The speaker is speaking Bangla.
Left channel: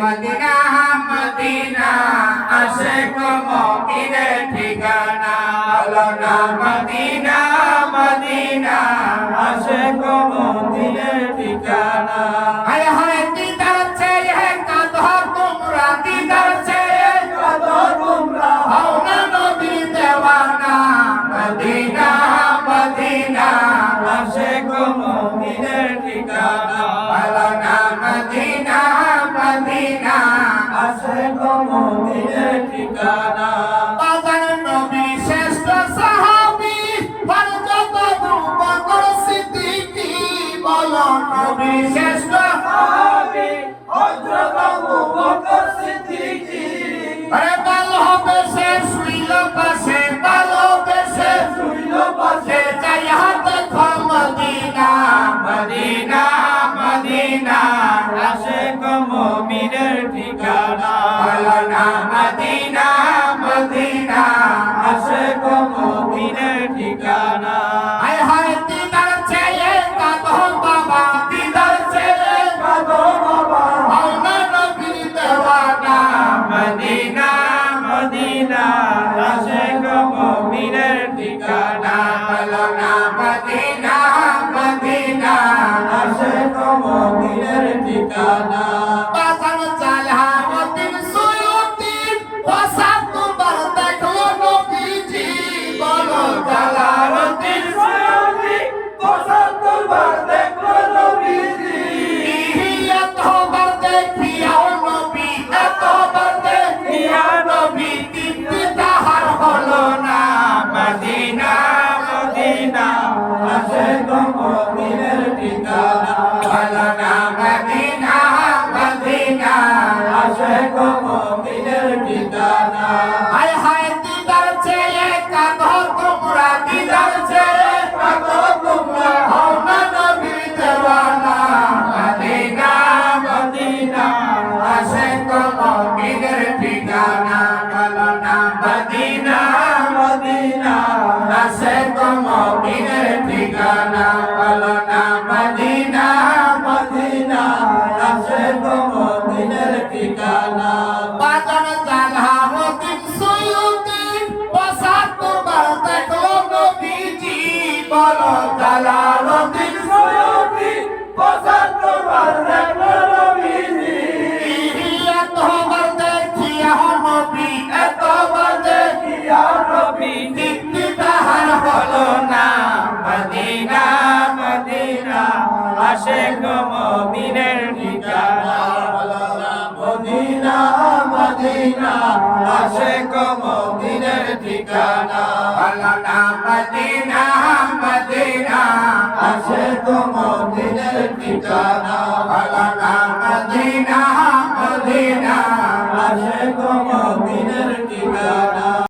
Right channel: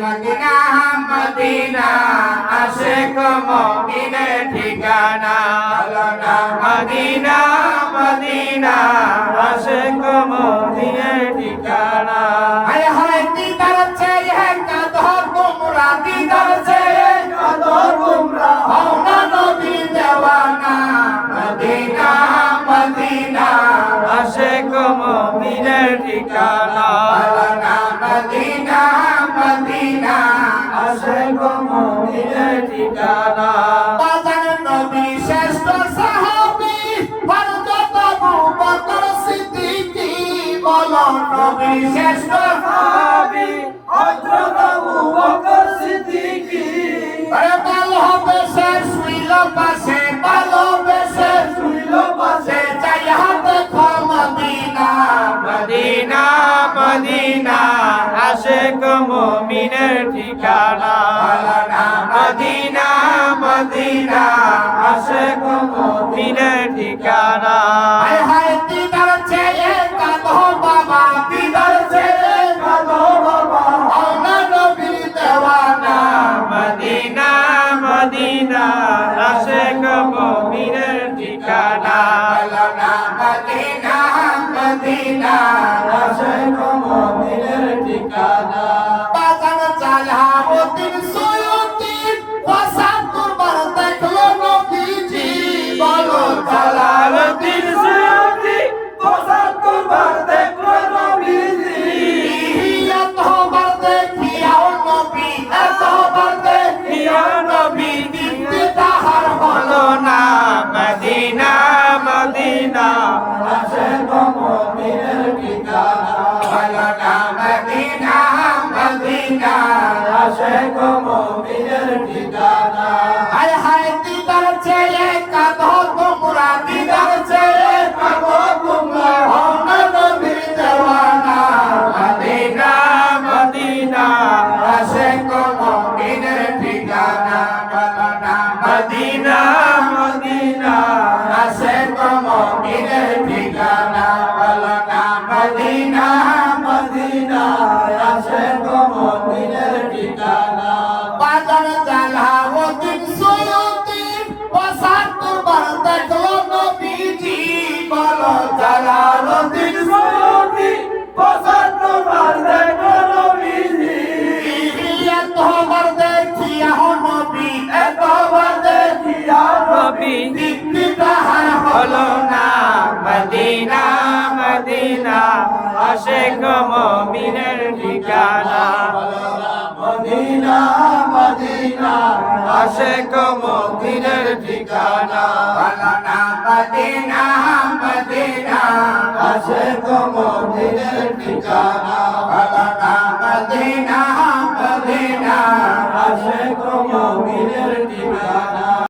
মদিনা মদিনা আশিক মুমিনের ঠিকানা বলো না মদিনা মদিনা আশিক মুমিনের ঠিকানা হায় হায় দিদার চেয়ে কাঁদো তোমরা দিদার চেয়ে কাঁদো তোমরা হও না নবী দেওয়ানা মদিনা মদিনা আশিক মুমিনের ঠিকানা বলো না মদিনা মদিনা আশিক মুমিনের ঠিকানা বাজান নবী শ্রেষ্ঠ সাহাবী হযরত আবু বকর সিদ্দিক বলো নবী শ্রেষ্ঠ সাহাবী হযরত আবু বকর সিদ্দিক আরে ভালোবেসে শুইল পাশে ভালোবেসে শুইল পাশে চাইয়া দেখো মদিনা মদিনা মদিনা আশিক মুমিনের ঠিকানা বলো না মদিনা মদিনা আশিক মুমিনের ঠিকানা হায় হায় দিদার চেয়ে কাঁদো বাবা দিদার চেয়ে কাঁদো বাবা হও না নবীর দেওয়ানা মদিনা মদিনা আশিক মুমিনের ঠিকানা বলো না মদিনা মদিনা আশিক মুমিনের ঠিকানা বাজান জালাউদ্দিন সুয়ুতি ওয়াসাতুবার দেখলো নবীজি বলো জালাউদ্দিন সুয়ুতি ওয়াসাতুবার দেখলো নবীজি এতবার দেখিয়াও নবী এতবার দেখিয়া নবী কিন্তু তাহার হলো না মদিনা মদিনা আশিক মুমিনের ঠিকানা বলো না মদিনা মদিনা আশিক মুমিনের ঠিকানা হায় হায় দিদার চেয়ে কাঁদো তোমরা দিদার চেয়ে কাঁদো তোমরা হও না নবীর দেওয়ানা মদিনা মদিনা আশিক মুমিনের ঠিকানা বলো না মদিনা মদিনা আশিক মুমিনের ঠিকানা বলো না মদিনা মদিনা আশিক মুমিনের ঠিকানা বাজান জালাউদ্দিন সুয়ুতি ওয়াসাতুবার দেখলো নবীজি বলো জালাউদ্দিন সুয়ুতি ওয়াসাতুবার দেখলো নবীজি এতবার দেখিয়া নবী এতবার দেখিয়া নবী কিন্তু তাহার হলো না মদিনা মদিনা আশিক মুমিনের ঠিকানা বলো না মদিনা মদিনা আশিক মুমিনের ঠিকানা বলো না মদিনা মদিনা আশিক মুমিনের ঠিকানা